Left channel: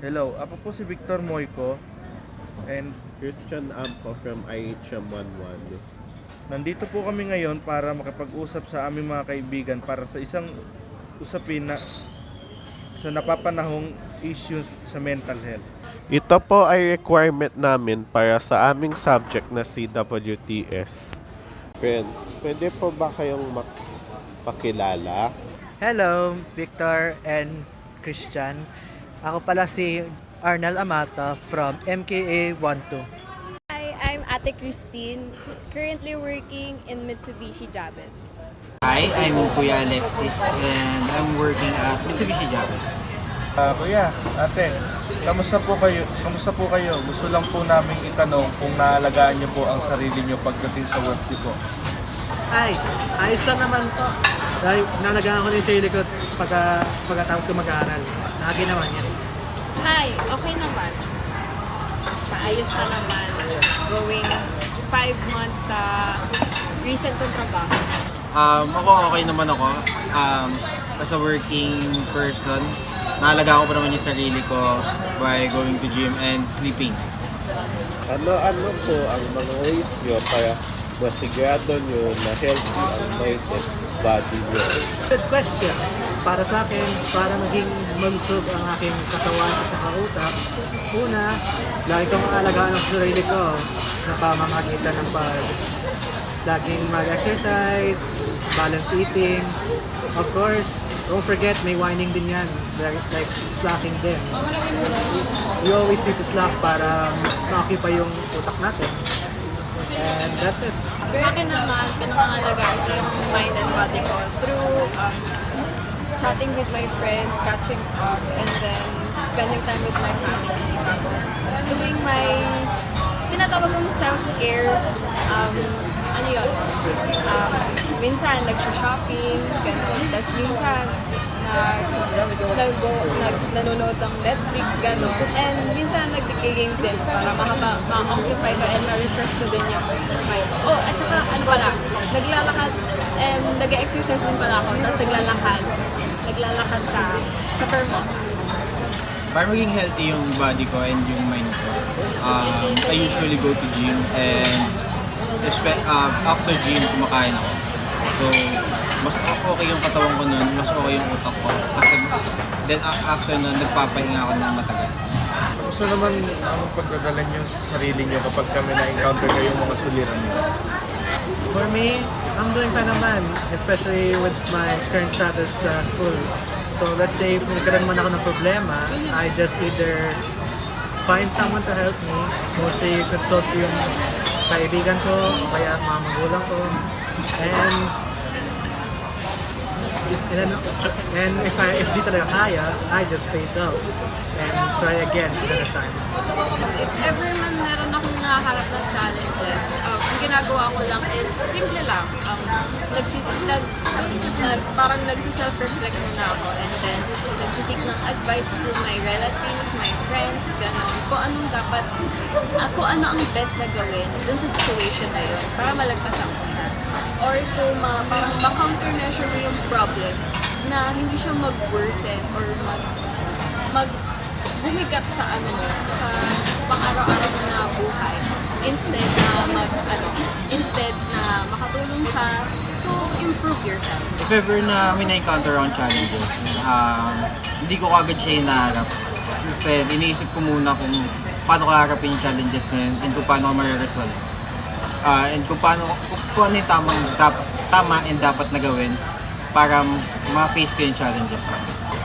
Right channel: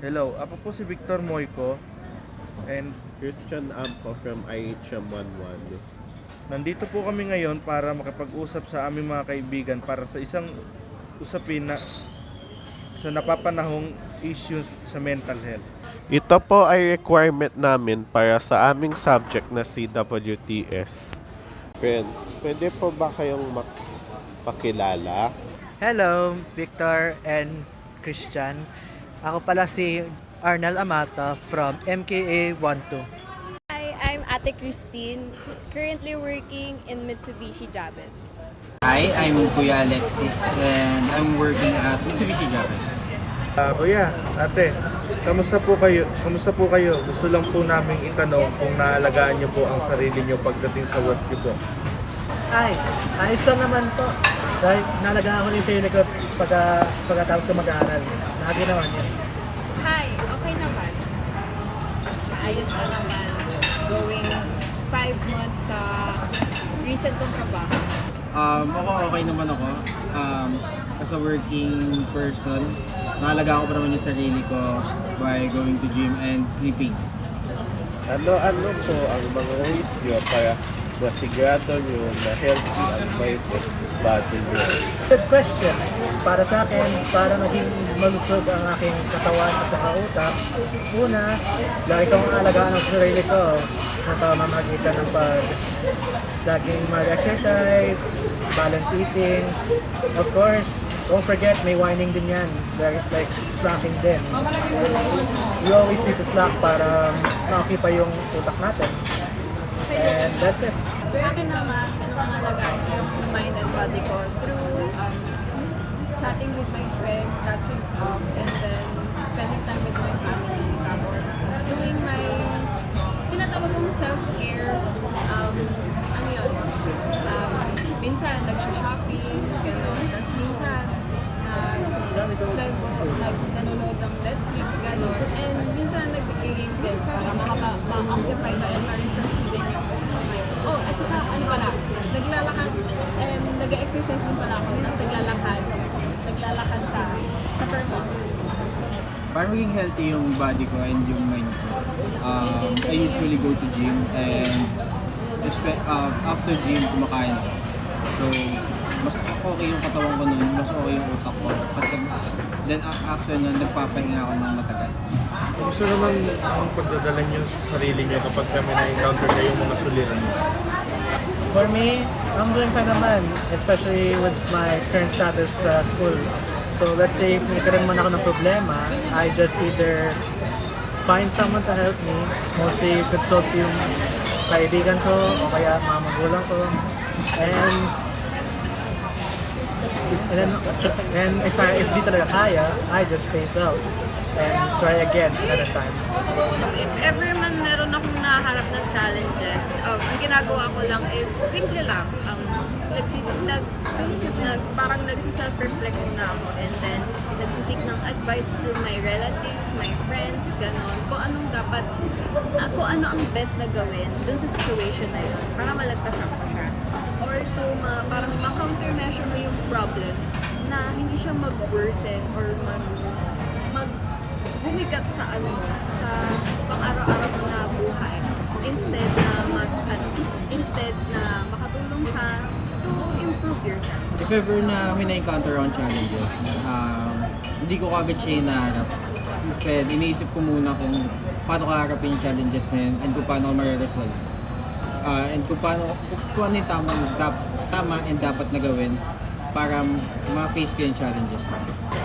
Hello, ako po si Victor Moico and Christian Amco from IHM 11. nandito po kami ngayon para makipag-usap sa aming mga kaibigan para sa isang usapin na sa napapanahong issue sa mental health. Ito po ay requirement namin para sa aming subject na CWTS. Friends, pwede po ba kayong pakilala? Hello, Victor and Christian. Ako pala si Arnel Amata from MKA 12. Hi, I'm Ate Christine, currently working in Mitsubishi Jabez. Hi, I'm Kuya Alexis and I'm working at Mitsubishi Jabez. Kuya, ate, kamusta po kayo? Kamusta po kayo? Gusto lang po namin itanong kung naalagaan niyo po ang sarili niyo pagdating sa work niyo po. Ay, ayos lang naman po. Dahil nalagaan ko rin sa ko pagkatapos ko mag-aaral. Lagi naman yan. Hi, okay naman. Maayos na naman. Going 5 months sa recent kong trabaho. Ako okay naman ako. As a working person, naalagaan ko pa naman yung sarili ko by going to gym and sleeping. Ano po ang mga ways nyo para masigurado nyo na healthy ang mind at body nyo? Good question. Para sa akin, para maging malusog ang aking katawan at saka utak, una, lagi kong aalagaan ang sarili ko sa pamamagitan ng laging mag-exercise, balance eating. Of course, don't forget, may whining din yan, like slacking din. We always need to slack para ma-occupy yung utak natin. And that's it. Sa akin naman, pinakangalagaan ko yung mind and body ko through chatting with my friends, catching up, and then spending time with my family. Tapos, doing my tinatawag kong self-care, ano yun, minsan nagsha-shopping, gano'n. Tapos minsan, nanonood ng Netflix, gano'n. And minsan nag-game din para ma-occupy ko and ma-refresh ko din yung mind ko. Oh, at saka ano pala, naglalakad and nag-exercise din pala ako. Tapos naglalakad sa Permosa. Para maging healthy yung body ko and yung mind ko, I usually go to gym and after gym, kumakain ako. So, mas okay yung katawan ko nun, mas okay yung utak ko. Kasi then after nun, nagpapahinga ako ng matagal. Kamusta naman ang pagdadala niyo sa sarili niyo kapag kami na-encounter kayong mga suliran niyo? For me, I'm doing fine naman, especially with my current status sa school. So let's say, kung nagkaroon man ako ng problema, I just either find someone to help me, mostly consult yung kaibigan ko o kaya mga magulang ko. And if di talaga kaya, I just phase out and try again another time. If ever man meron akong naharap na challenges, ang ginagawa ko lang is simple lang. Parang nagsiself-reflect muna ako and then nagsisik ng advice to my relatives, my friends, gano'n. Kung ano ang best na gawin dun sa situation na yun para malagpasan ko siya. Or to ma-countermeasure mo yung problem na hindi siya mag-worsen or bumigap sa sa pang-araw-araw mo na buhay instead na makatulong ka to improve yourself. If ever na may na-encounter akong challenges, hindi ko kagad siya hinaharap. Instead, iniisip ko muna kung paano ko harapin yung challenges na yun and kung paano ko ma-resolve. And kung ano yung tama and dapat na gawin para ma-face ko yung challenges na.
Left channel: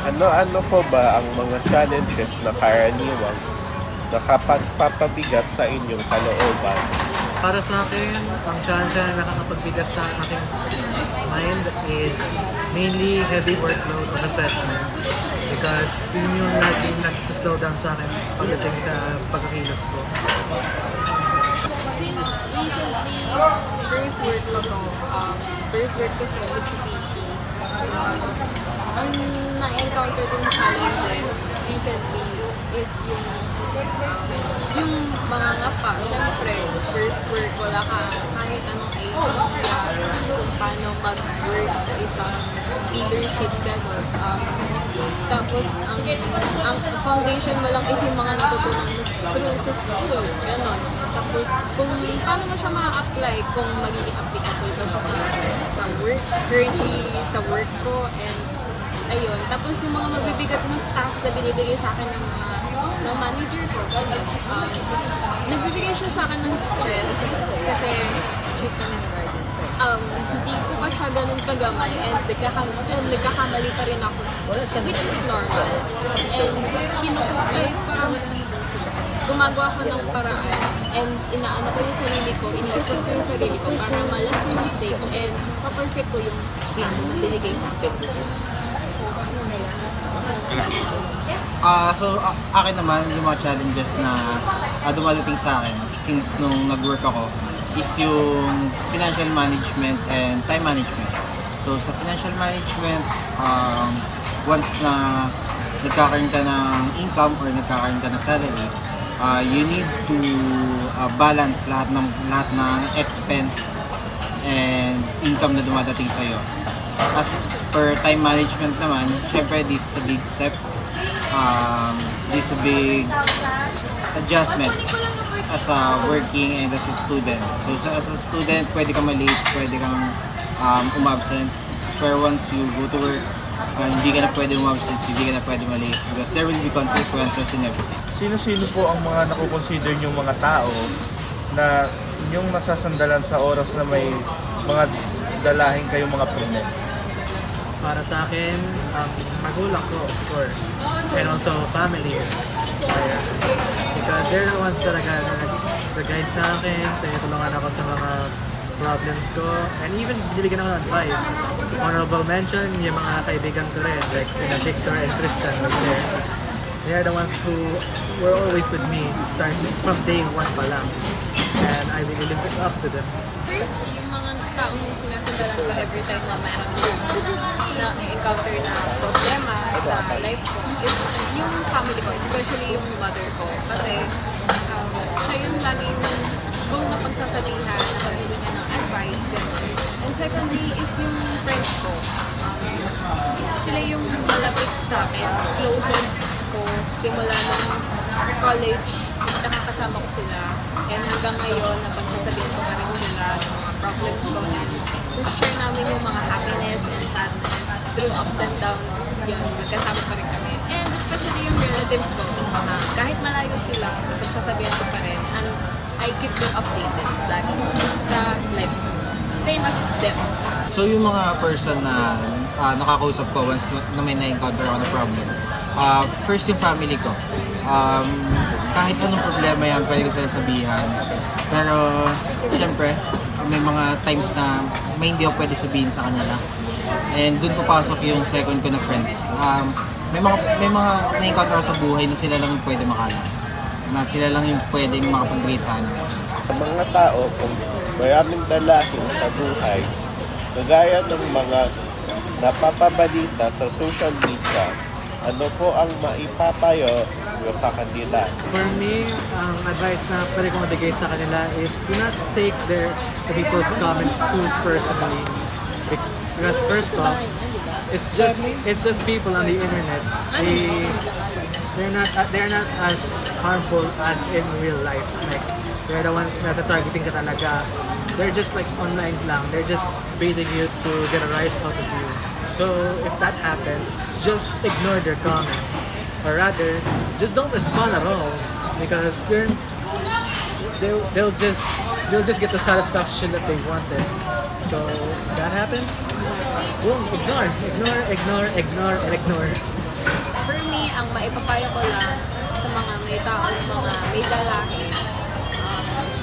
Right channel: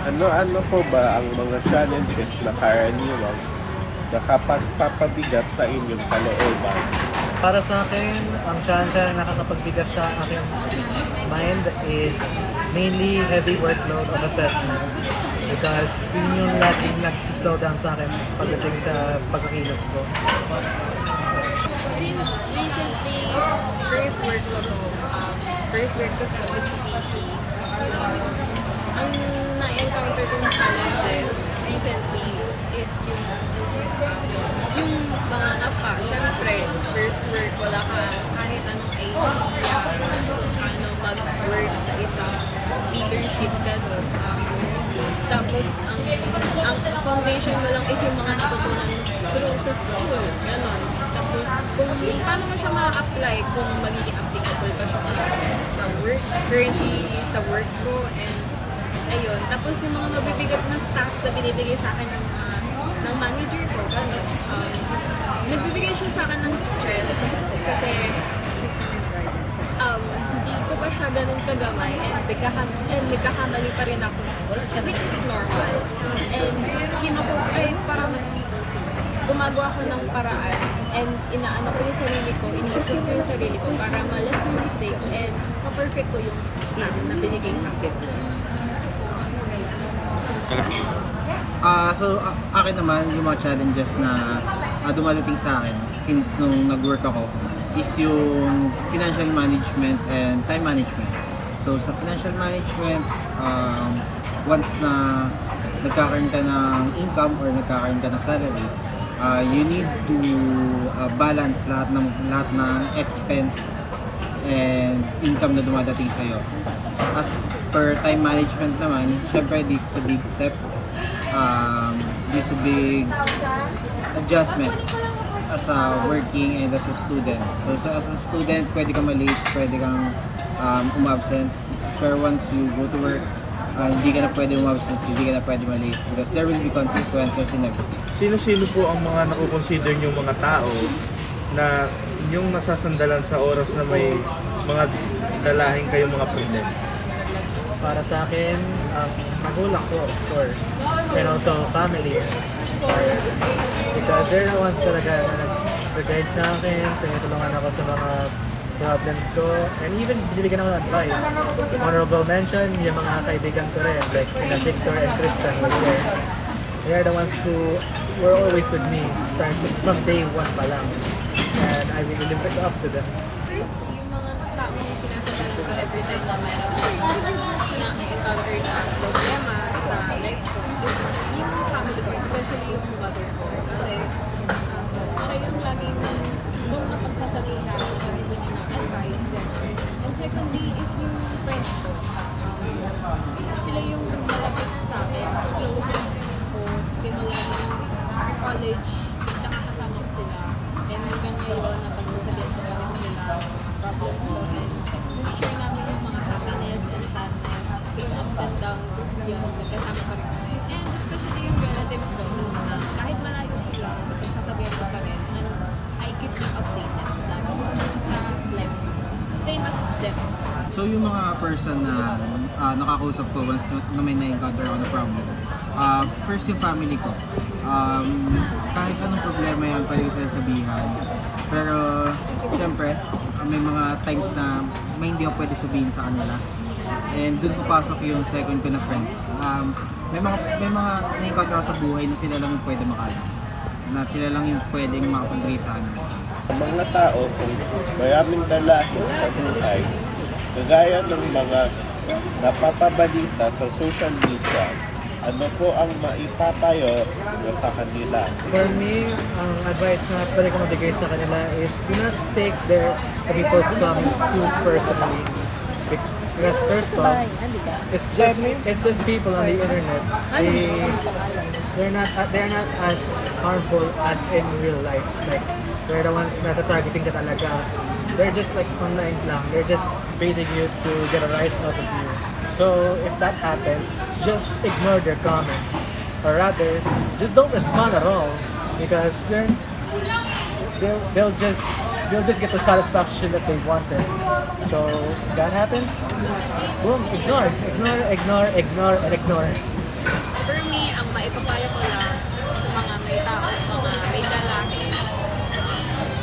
Ano po ba ang mga challenges na karaniwang nakapagpapabigat sa inyong kalooban? Para sa akin, ang challenge na nakakapagbigat sa aking mind is mainly heavy workload of assessments because yun yung laging nag-slow down sa akin pagdating sa pagkakilos ko. Since recently, first work ko sa Mitsubishi, ang na-encounter kong challenges recently is yung mga ngapa. Siyempre, first work, wala ka kahit anong idea kung paano mag-work sa isang leadership gano'n. Tapos, ang foundation mo lang is yung mga natutunan mo through sa school. Ganon. Tapos, kung paano mo siya ma-apply, kung magiging applicable ba siya sa work, currently sa work ko, and ayun. Tapos, yung mga mabibigat na tasks na binibigay sa akin ng manager ko, ganon. Nagbibigay siya sa akin ng stress kasi hindi ko pa siya ganun kagamay and nagkakamali pa rin ako, which is normal. And parang gumagawa ko ng paraan and inaano ko yung sarili ko, ini-improve ko yung sarili ko para malas yung mistakes and ma-perfect ko yung task na binigay sa akin. Akin naman, yung mga challenges na dumadating sa akin since nung nag-work ako is yung financial management and time management. So, sa financial management, once na nagkakaroon ka ng income or nagkakaroon ka ng salary, you need to balance lahat ng expense and income na dumadating sa'yo. As per time management naman, syempre this is a big step. This is a big adjustment as a working and as a student. So as a student, pwede ka ma-late, pwede kang umabsent. Pero once you go to work, hindi ka na pwede umabsent, hindi ka na pwede ma-late because there will be consequences in everything. Sino-sino po ang mga nakukonsider nyo mga tao na inyong nasasandalan sa oras na may mga dalahin kayong mga problema? Para sa akin, magulang ko, of course. And also, family. Because they're the ones talaga na nag-guide sa akin, pinatulungan ako sa mga problems ko, and even binibigyan ako ng advice. Honorable mention, yung mga kaibigan ko rin, like sina Victor and Christian were there. They're the ones who were always with me, starting from day one pa lang. And I really live it up to them. First, yung mga taong sinasandalan ko every time na meron akong na-encounter na problema sa life ko is yung family ko, especially yung mother ko. Kasi siya yung laging kung napagsasabihan, nabibigyan niya ng advice, gano'n. And secondly is yung friends ko. Sila yung malapit sa akin, closest ko, simula ng college, nakakasama ko sila. And hanggang ngayon, napagsasabihan ko pa rin sila mga problems ko. And na-share namin yung mga happiness and sadness through ups and downs. Yun, nagkasama pa rin kami. And especially yung relatives ko, kahit malayo sila, napagsasabihan ko pa rin. And I keep them updated lagi sa life ko. Same as them. So yung mga person na nakakausap ko once na may na-encounter ako na problem, first yung family ko. Kahit anong problema yan, pwede ko sila sabihan. Pero syempre, may mga times na may hindi ako pwede sabihin sa kanila. And dun papasok yung second ko na friends. May mga na-encounter ako sa buhay na sila lang yung pwede makalam. Na sila lang yung pwedeng makapag-relate sa kanila. Sa mga tao, kung maraming dalahin sa buhay, kagaya ng mga napapabalita sa social media, ano po ang maipapayo nyo sa kanila? For me, ang advice na pwede ko mabigay sa kanila is do not take the people's comments too personally. Because first off, it's just people on the internet. They're not as harmful as in real life. Like they're the ones na targeting ka talaga. They're just like online lang. They're just baiting you to get a rise out of you. So if that happens, just ignore their comments, or rather, just don't respond at all because they'll just get the satisfaction that they wanted. So if that happens, boom, ignore, and ignore. For me, ang maipapaya ko lang sa mga may tao, mga may dalahin,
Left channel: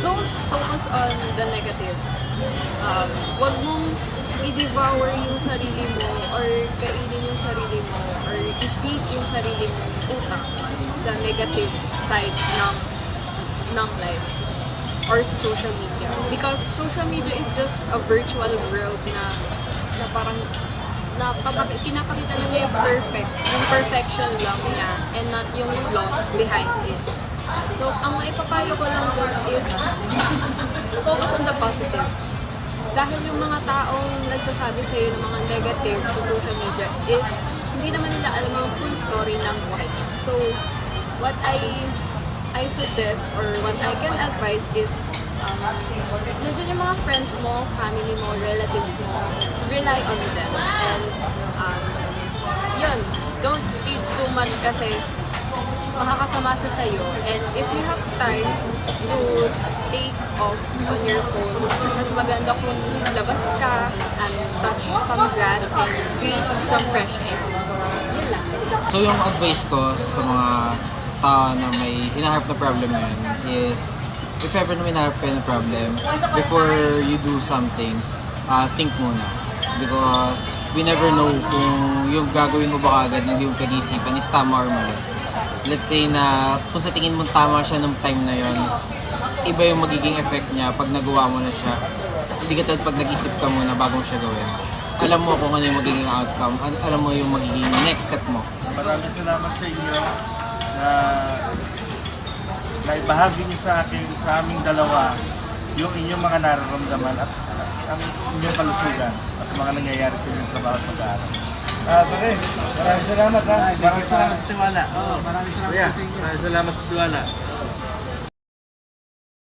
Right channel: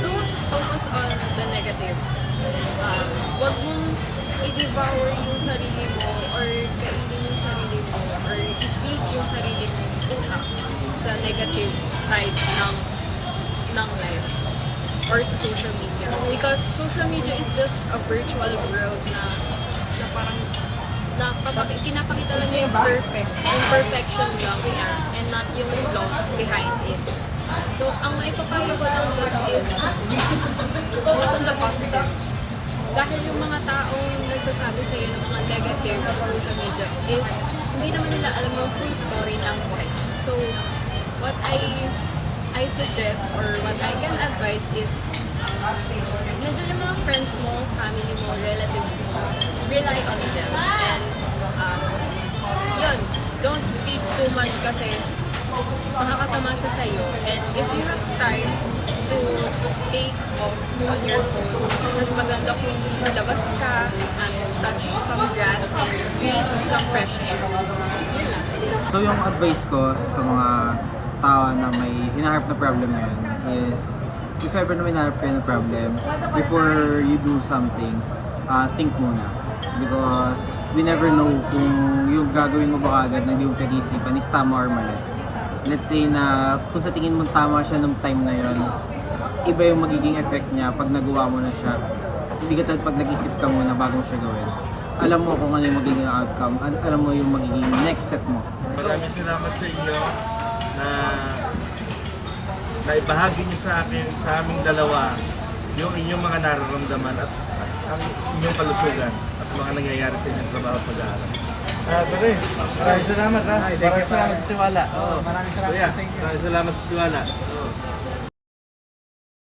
don't focus on the negative. Huwag mong i-devour yung sarili mo or kainin yung sarili mo or i-feed yung sarili mo utak sa negative side ng life or sa social media. Because social media is just a virtual world na parang pinapakita lang niya yung perfection lang niya and not yung flaws behind it. So, ang maipapayo ko lang doon is focus on the positive. Dahil yung mga taong nagsasabi sa'yo ng mga negative sa social media is hindi naman nila alam yung full story ng buhay. So, what I suggest or what I can advise is medyo yung mga friends mo, family mo, relatives mo, rely on them. And yun, don't read too much kasi makakasama siya sa'yo. And if you have time to take off on your phone, mas maganda kung labas ka, touch some grass, and breathe some fresh air. Yun lang. So yung advice ko sa mga tao na may hinaharap na problem ngayon is if ever na may hinaharap kayo na problem, before you do something, think muna. Because we never know kung yung gagawin mo ba agad na hindi mo pag-isipan is tama or mali. Let's say na kung sa tingin mo tama siya nung time na yon, iba yung magiging effect niya pag nagawa mo na siya. Hindi ka tulad pag nag-isip ka muna bago mo siya gawin. Alam mo kung ano yung magiging outcome, alam mo yung magiging next step mo. Maraming salamat sa inyo na naibahagi niyo sa akin, sa aming dalawa, yung inyong mga nararamdaman at ang inyong kalusugan at mga nangyayari sa inyong trabaho at pag-aaral. Pare, maraming salamat ha. Maraming salamat sa tiwala. Maraming salamat Kuya, sa inyo. maraming salamat sa tiwala.